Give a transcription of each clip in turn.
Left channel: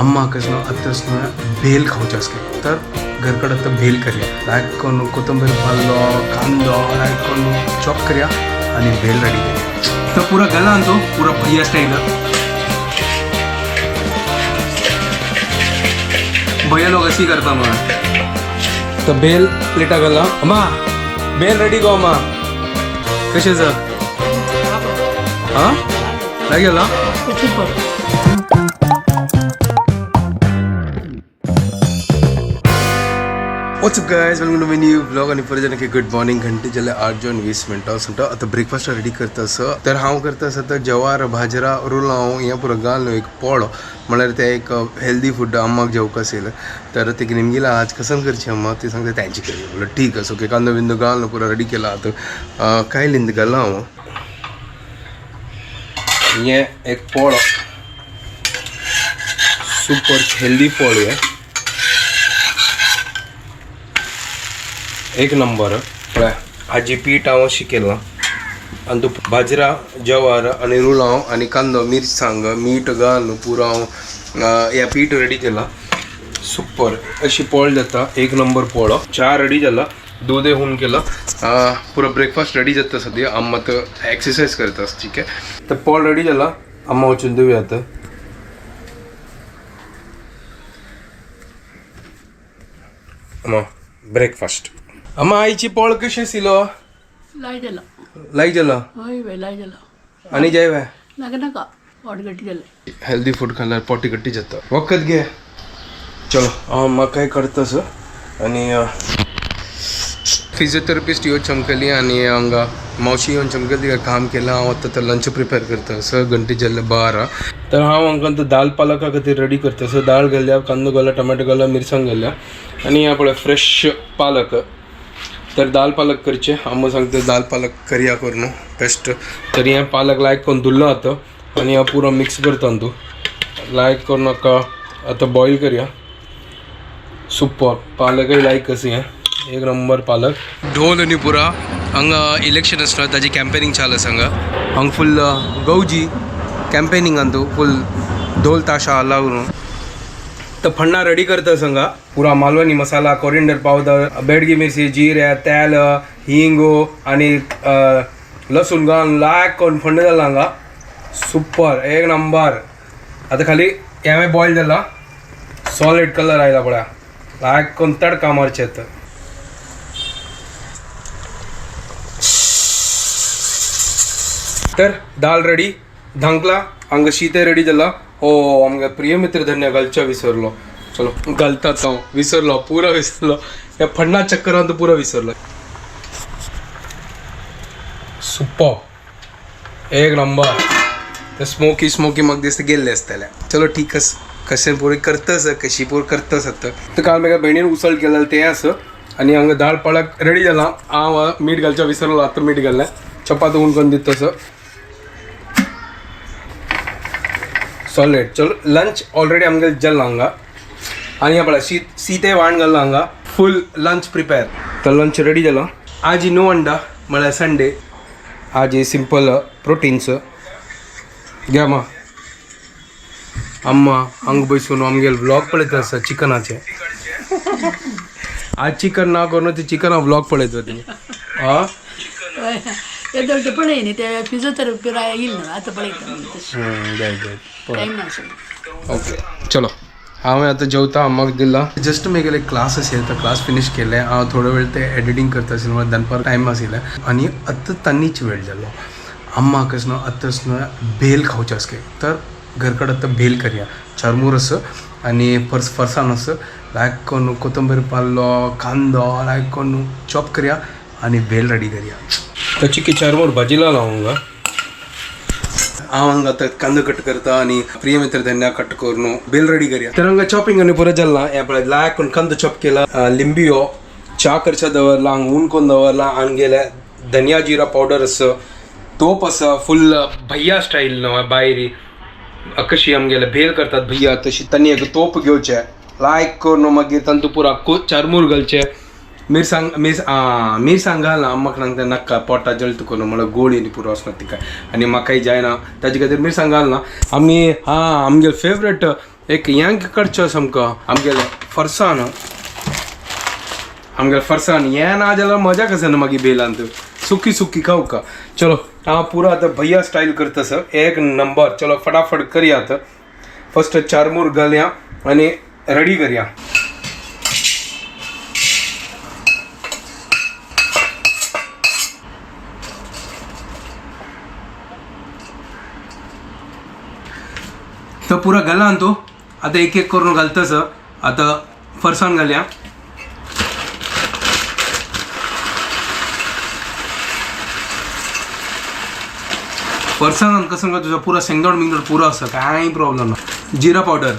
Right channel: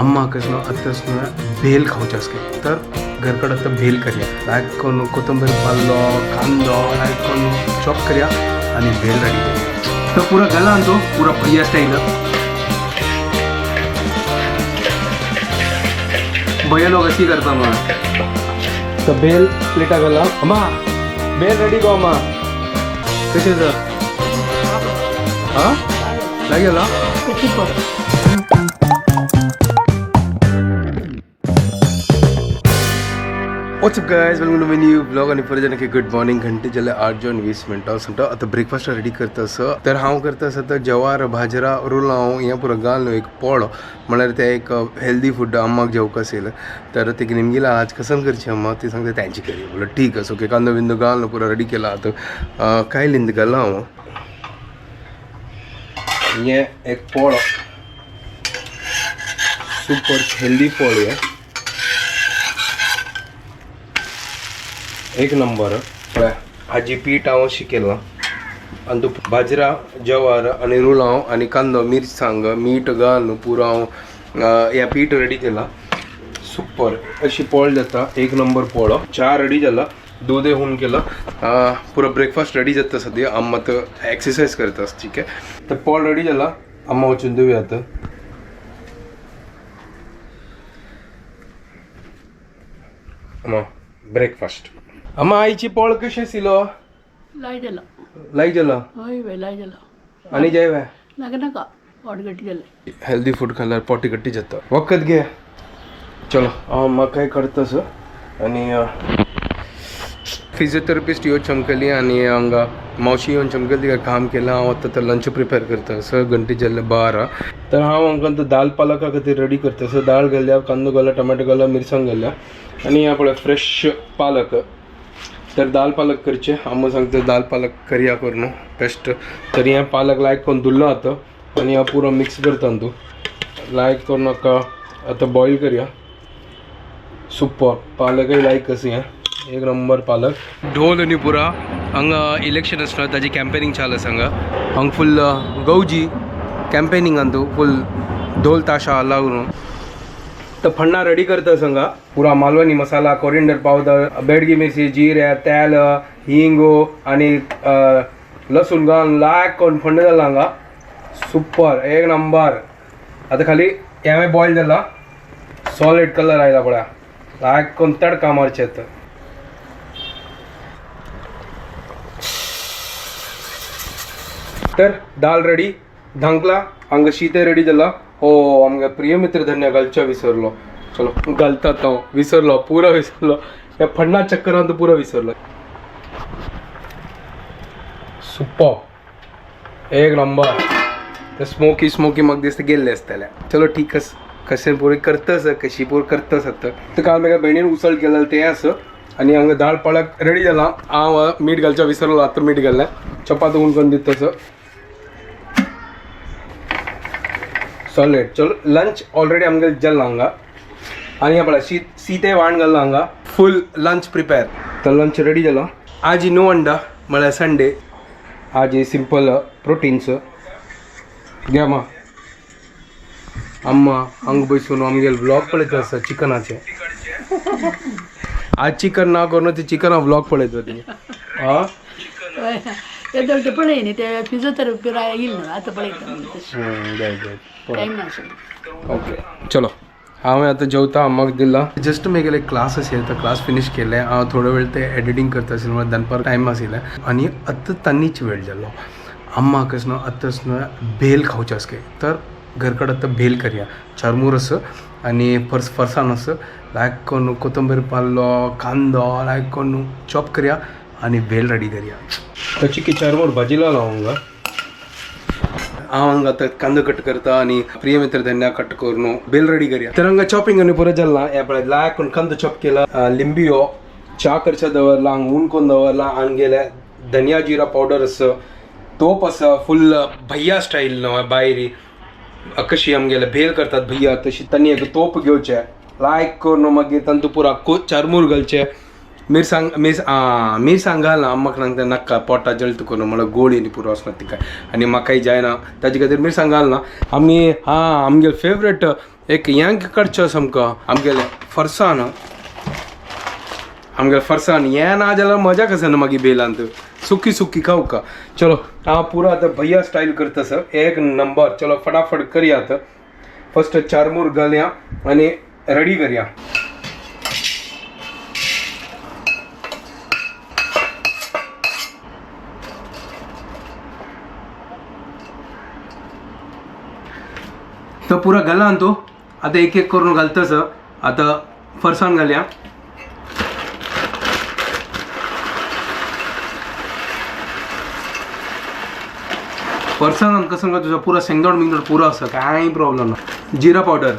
अम्मा कसं आताच भेल खावचे असते तर घरकडे आता भेल करूया लायक करून कोथिंबीर पाल्लो कांदो लायक करून चॉप करूया आणि भेल रेडी करूया तर पुरा गला आणतो पुरा भैया स्टाईल भैया लोग अशी करता मग तर भेल प्लेटा गला अम्मा भेल रेडी गो अम्मा कसे सर हां नाही गेला what's up guys welcome to my new blog आणि परत की गुड मॉर्निंग घंटे जाले 8:20 मिनटां सुंटा आता ब्रेकफास्ट रेडी करता असं तर हांव करता असं तर जवार भाजरा रोलाव हें पुरो घालून एक पोळो म्हळ्यार ते एक हेल्दी फूड अम्माक जेवका असेल तर ते निमगेला आज कसन करची अम्मा ती सांगते त्यांची करी बोला ठीक आहे ओके कांदो बिंदो घालून पुरो रेडी केला आता काय लिंद घाला हांव ये एक पोळो सुपर हेल्दी पोळो आहे एक नंबर हाजी पीठ हांव शिकेला आनी तू बाजरा जवार आनी रुलाव आनी कांदो मिरसांग मीठ घालून पुरो हांव ह्या पीठ रेडी केला सुपर अशी पोळ जाता एक नंबर पोळो च्या रेडी जाला दूध होऊन केला पुरो ब्रेकफास्ट रेडी जाता सद्या अम्मा तर एक्सरसाइज करता ठीक आहे तर पोळ रेडी जाला अम्मा वचून देऊया आता अम्मा ब्रेकफास्ट अम्मा आईची पोळ कशी आशिल्लो लाई जाला आनी जाय वे नाका पोटगट्टी जाले हेल्दी फूड खाल्यार पोटी गट्टी जाता वखत घे चलो हांव म्हाका काय करता सर आनी फिजियोथेरपिस्ट येवन चमकली आनी हांगा मावशी येवन चमकली तिका काम केलां हांव आतां तर लंच प्रिपेर करता सर घंटे जाल्ले 12 तर हांव हांकां तो दाल पालका खातीर रेडी करता सर दाळ घाल्या कांदो घाला टमाटो घाला मिरसांग घाल्या आनी ह्या पळय फ्रेश पालक तर दाल पालक करचे अम्मा सांगते दाल पालक करिया करून बेस्ट तर हें पालक लायक करून धुल्लो आता आनी हांव पुरो मिक्स करता तूं लायक करून नाका आतां बॉयल करया सुपर पालकय लायक कशी हें एक नंबर पालक ढोल आनी पुरा हांगा इलेक्शन आसता ताजी कॅम्पेनिंग चालू आसा हांगा हांगा फुल गौजी कॅम्पेनिंगान तूं फुल ढोल ताशा लागून तर फण्णा रेडी करता सांगा पुरा मालवणी मसाला कोरिएंडर पावडर बेडगी मिरची जिरे तेल हिंगो आणि लसूण घालून लायक करून फण्ण जाला हांगा सुपर एक नंबर आता खाली हें बॉयल जाला सॉलिड कलर आयला पळय लायक करून तडका मारचे तर दाल रेडी धांकला हांगा शीते रेडी जाला हो आमगे प्रिय मित्र धन्य घालच्या विसरलो चलो घालतात हांव विसरलो पुरा विसरलो ह्या फण्णा चक्करान पुरा विसरलो सुपर एक नंबर ते स्मोकी म्हाका दिसता गेल्ले आसतले चलो ठीक आस कशें पुरी करतास कशी पूर करतास आतां तर काल म्हाका भयणीन उसळ केलें तें आसा आनी हांगा दाळ पालक रेडी जाला हांव मीठ घालच्या विसरलो आतां मीठ घाललें चपात उन करून दिता तसं सॉलिड चलो लंच ऑलरेडी आमगे जाल्ला हांगा आनी हे पळय सीते वाण घाल्ला हांगा फूल लंच प्रिपेर तर लंच रेडी जाला आज नो अंडा म्हळ्यार संडे आज सिंपल प्रोटीन्स घ्या मा अम्मा हांगा बसून आमगे व्लॉग पळयता आसा चिकनाचे आज चिकन ना करून ते चिकना व्लॉग पळयता तुमी हां येदोटे पळय न्ही ते फिजियोथेरपी येईल ना आतां पळयता टायम नासलो ओके चलो हांवें आतां जेवता अम्माक दिला जस्ट म्हगेले क्लास आशिल्ले तो क्लास फिनीश केले हांव थोडो वेळ ते एडिटींग करता आशिल्लो म्हळ्यार दनपार टायम आशिल्ले आनी आतां तांनीच वेळ जालो अम्माक न्हू आतांच भेल खावचे आसले तर घरकडे आतां भेल करया चरमूर आसा आनी फरसाण आसा लायक करून कोथिंबीर पाल्लो कांदो लायक करून चॉप करया आनी भेल रेडी करया ताची की चरमूर भाजी लायला हांगा हांव हांगा आतां कांदो कट करता आनी प्रिय मित्र धन्या कट करून बेल रेडी करया तर हांगा चॉपिंग आनी पुरो जाल्ला हे पळय लायक करून कांदो चॉप केला लिंबियो च्या करच्या दवरला हांगा ऊन करून दवरला आमगेले धनिया जिरा पावडर आसा तोप आसा फुल भैया स्टाईल न्हू बायरी कशी आमगेले भेल करतात भैया तशी तांणी एक तोप घेवचे लायक करून मागीर तातूंत पुरा चारमूर घालचे मिरसांग घाल ना अम्माक सांगता नाका पोटा जळत करून म्हळ्यार गोड येनी पुरो वचना तिका आनी म्हाकाय जायना ताजे खातीर मिरसांग घाल ना आमी आमगे फेवरेट एक यांक करचो आमकां आमगेले फरसाण आमगेले फरसाण हें ना जाल्यार मजा कशें ना मागीर बेलांत सुकी सुकी खाऊ का चलो हांव पुरो आतां भैया स्टायल करता सर एक नंबर चलो फटाफट करया आतां फर्स्ट चारमूर घालया आनी रेडी करया तो पुरा घाला तो आता एक एक करून घालतस आता फरसाण घालया फरसाण कसं का तुझा पुरा शेंगदाण बिंगदाण पुरा असं काही प्रॉब्लेम ना जिरा पावडर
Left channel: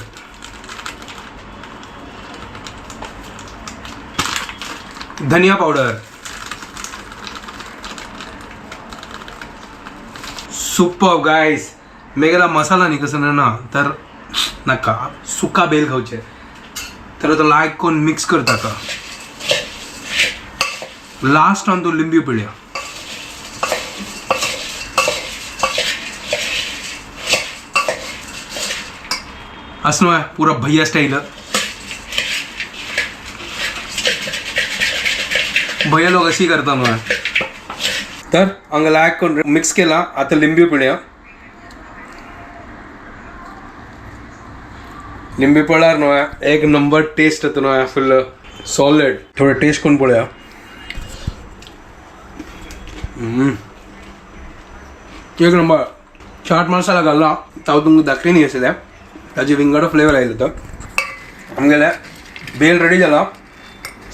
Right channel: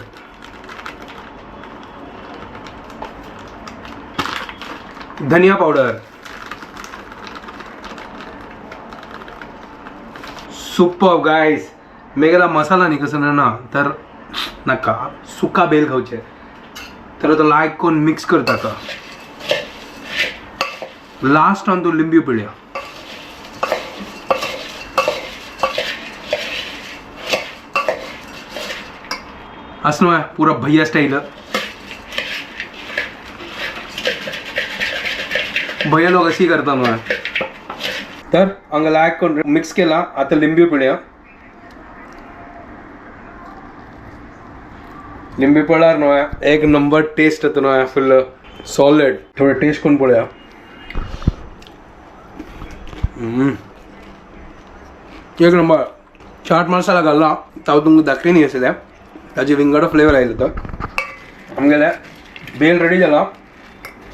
धनिया पावडर सुपर गाइस मेगेला मसाला न्ही कसं ना तर नाका सुका बेल खावचे तर तो लायक कोण मिक्स करता का लास्ट ऑन तो लिंबू पिळ्या असं आहे पुरा भैया स्टाईल भैया लोक अशी करता ना तर हांगा लायक कोण मिक्स केला आता लिंबू पिळ्या लिंबू पळार न्हय एक नंबर टेस्ट येतो न्हय फुल सॉलिड थोडं टेस्ट करून पळया एक नंबर चाट मसाला घालला ताव तुमकां दाखली न्ही आसल्या ताजी विंगडो फ्लेवर आयलो तो आमगेले बेल रेडी जाला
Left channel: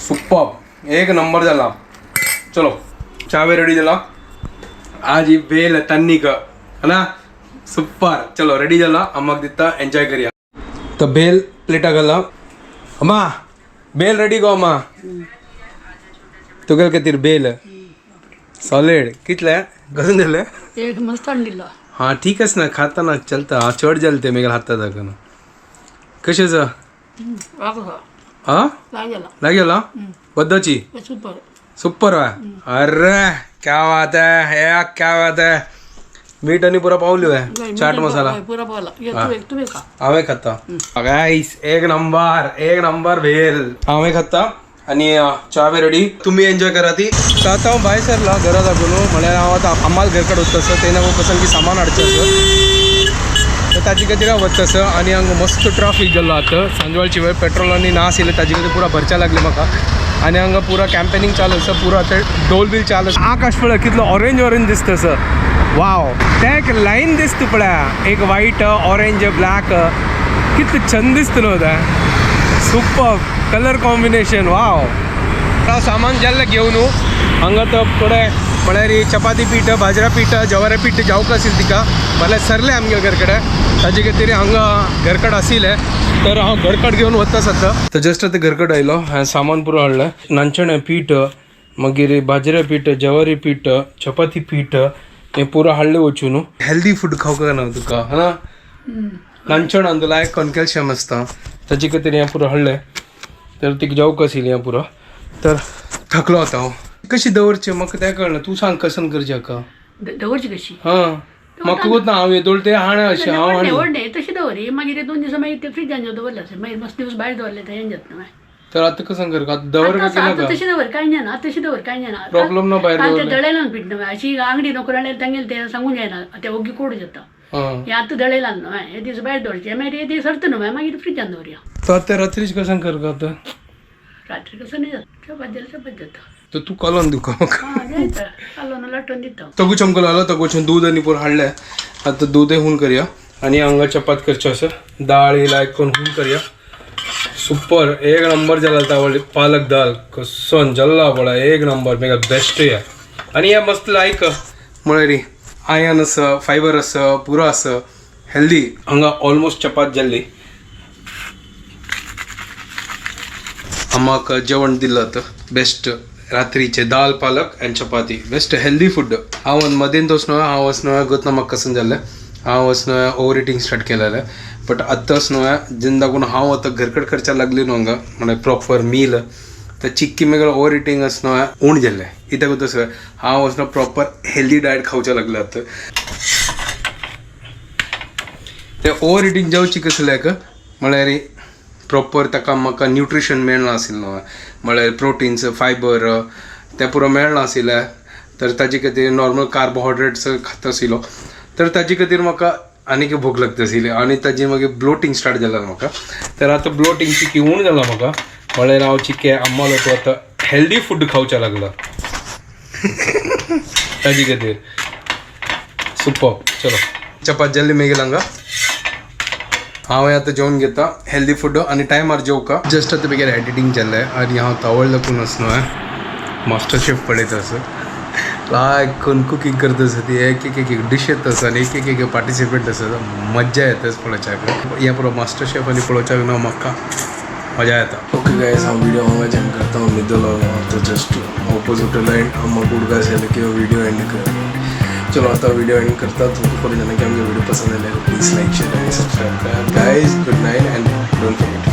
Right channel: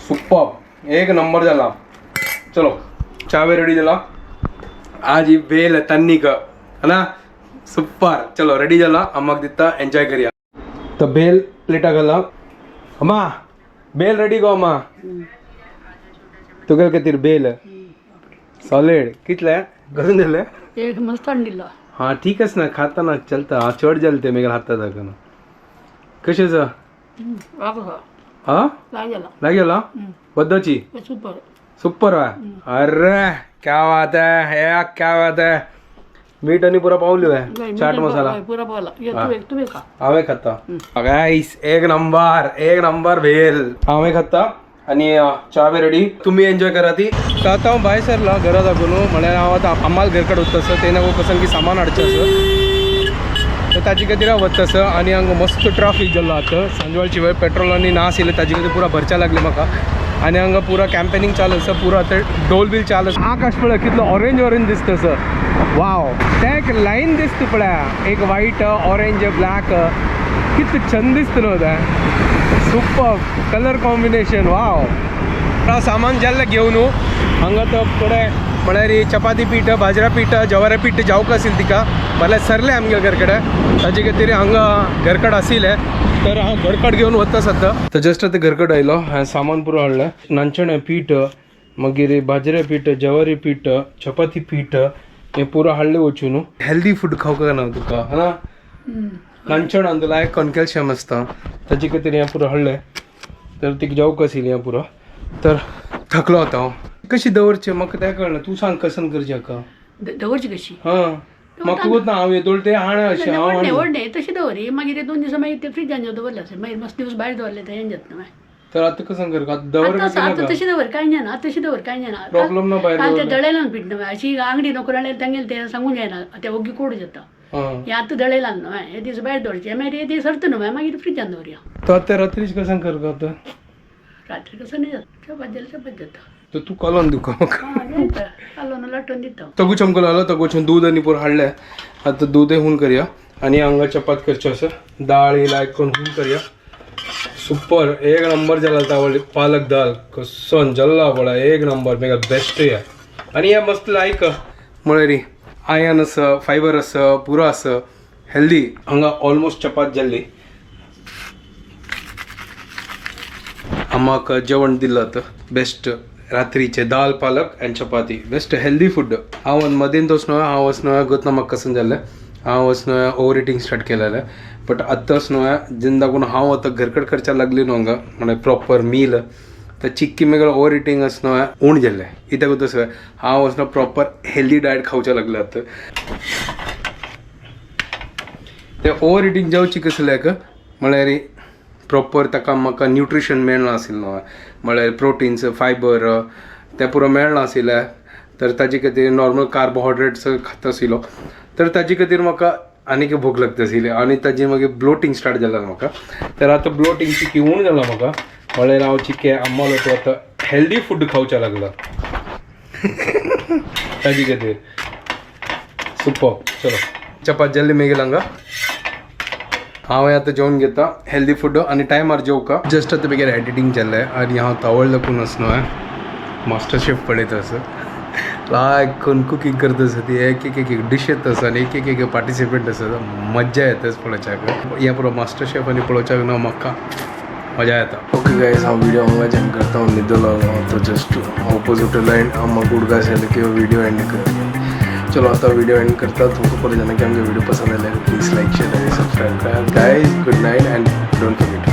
सुपर एक नंबर जाला चलो चावे रेडी जाला आज ही बेल तन्नी का है ना सुपर चलो रेडी जाला अम्माक दिता एन्जॉय करया तो बेल प्लेटा घाला अम्मा बेल रेडी गो अम्मा तुगेल खातीर बेल सॉलिड कितले कसं दिले एक मस्त दिला हाँ ठीक आहे ना खाता ना चलता हाँ चढ जालते मेघाल हातात दाखवून कशेचं हाँ लागेला वद्दाची सुपर सुपर अरे क्या बात है या क्या बात है मीठ आणि पुरा पावली आहे चाट मसाला पुरा पावला तुम्ही खा हांवें खाता गाइस एक नंबर भेल हांवें खाता आणि चावे रेडी तुम्ही एन्जॉय करा ती तर आता हांव भायर सरला घरा दाखून म्हळ्यार हांव आतां अम्माल घर कडेन वता सर तेन्ना कसं की सामान हाडचें आसा तर ताजे खातीर हांव वता सर आनी हांगा मस्त ट्राफीक जाल्लो आतां सांजवेळची वेळ पेट्रोल आनी ना आशिल्लें ताजे खातीर पुरा भरच्या लागले म्हाका आनी हांगा पुरा कॅम्पेनिंग चालू आसा पुरो आतां डोल बील चालू आसा आकाश पळय कितलो ऑरेंज दिसता सर वाव ते एक लायन दिसता पळय एक व्हाईट ऑरेंज ब्लॅक कितलें छंद दिसता न्हू तें सुपर कलर कॉम्बिनेशन वाव सामान जाल्लें घेवन हांगा तो थोडे म्हळ्यार चपाती पीठ बाजरा पीठ जवारा पीठ जावंक आशिल्लें तिका म्हळ्यार सरलें आमगे घर कडेन ताजे खातीर हांगा घरकड आशिल्लें तर हांव घरकड घेवन वता सद्दां तर जस्ट आतां घरकड आयलो हांवें सामान पुरो हाडलें नांचण्या पीठ मागीर बाजरा पीठ जवारी पीठ चपाती पीठ हें पुरो हाडलें वचून हेल्दी फूड खावंक ना तुका हा नांचण आनी लायक कॉन कॅल्शियम आसता ताजे खातीर हें पुरो हाडलें तर तिका जावंक आशिल्लें हें पुरो तर थकलो आतां हांव कशी दवरचें म्हाका तें कळना तूं सांग कसन करचें हाका दवरची कशी हां म्हाका वता हांव येतोळ तें हाणा अशें हांव व्हडलें तशी दवरी मागीर 2 दिसा मागीर ते फ्रिजान दवरलें अशें मागीर मस्त दिवस भायर दवरले ते हें जाता मागीर तर आतां कसन करता आतां दवर आता तशी दवर काय नाही ना तशी दवर काय नाही ना प्रॉब्लेम ना भायर ते दळेला पीठ ना अशी अंगडी नोकर हाडलें तांगेले ते सांगून जायना ते ओगी कोड जाता हे आतां दळेला न्हू हे दीस भायर दवरचे मागीर हे दीस सरता न्हू मागीर फ्रिजान दवरया तर आतां रात्रीच कसन करता आतां रात्री कसं नाही जाता चपात जाता तर तू कालोन दिवका म्हाका कालोन लाटून दिता तगू चमको लागलो तगूचें दूध आनी पूण हाडलें आतां दूदय हून करया आनी हांगा चपात करचें आसा दाळ लायक करून हून करया सुपर एक नंबर जाला तावळी पालक दाल कसन जल्ला पळय एक नंबर मेगा बेस्ट आहे आनी हें मस्त लायक म्हळ्यार आयन आसा फायबर आसा पुरो आसा हेल्दी हांगा ऑलमोस्ट चपात जाल्ली अम्माक जेवण दिलं आतां बेस्ट रात्रीचे दाल पालक एंड चपाती बेस्ट हेल्दी फूड हांव मदींच वचनो हांव वचनो गोतना म्हाका कसन जाल्लें हांव वचनो ओवर इटींग स्टार्ट केलेलें बट आतां वचनो जेन्ना लागून हांव आतां घरकड करच्या लागली न्हू हांगा म्हळ्यार प्रॉपर मील तर चिक्की मेगळ ओवर इटींग वचनो उण जाल्लें कित्याक तसो हांव वचनो प्रॉपर हेल्दी डायट खावचें लागलें आतां तें ओवर इटींग जावची कसल्याक म्हळ्यार प्रॉपर ताका म्हाका न्यूट्रिशन मेळनाशिल्लें न्हय म्हळ्यार प्रोटीन्स फायबर तें पुरो मेळनाशिल्लें तर ताजे खातीर नॉर्मल कार्बोहायड्रेट्स खाता आशिल्लो तर ताजे खातीर म्हाका आनीक भूक लागता आशिल्ली आनी ताजी मागीर ब्लोटींग स्टार्ट जालें म्हाका तर आतां ब्लोटींग चिकी उण जालां म्हाका म्हळ्यार हांव चिके आम्मालो तो आतां हेल्दी फूड खावचें लागला ताजे खातीर सुपर चलो चपात जाल्ली मेगेल हांगा हांव आतां जेवण घेता हेल्दी फूड आनी टायमार जेवका जस्ट आतां बेगीन एडिटींग जाल्लें आनी हांव तावळ दाखून आसलो मास्टर शेफ पळयता असो लायक कोण कुकींग करता आसा ती एक डीश येता आसा आनी एक पार्टिसिपेंट आसा मज्जा येता पळोवच्याक हें पुरो मास्टर शेफ आनी पळोवच्याक न्हू म्हाका मजा येता ओके गायज हांव व्हिडिओ हांगा एंड करता हांव न्हिदलो तो जस्ट ऑपोजीट एंड म्हाका उडका आसलें की व्हिडिओ एंड कर चलो आता वीडियो एंड करता तुमको पता जाना कि हमको वीडियो पसंद आए please like share and subscribe करें guys good night and don't forget